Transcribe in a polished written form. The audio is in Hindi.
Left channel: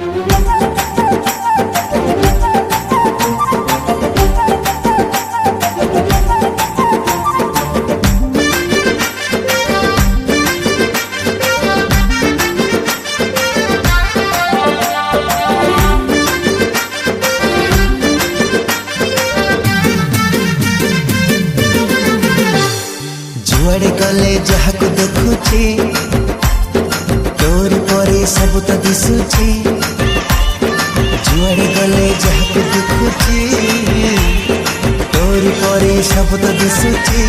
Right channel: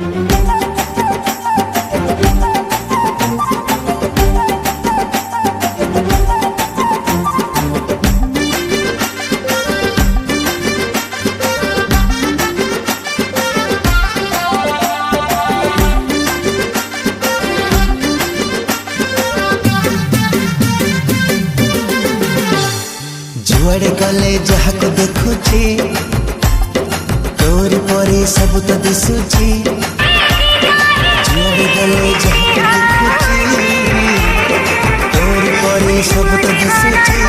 जुआड़े गले जहाँ को देखुची तोरी परे सब तो दिशुची। जुआड़े गले जहाँ को देखुची तोरी परे सब तो दिशुची।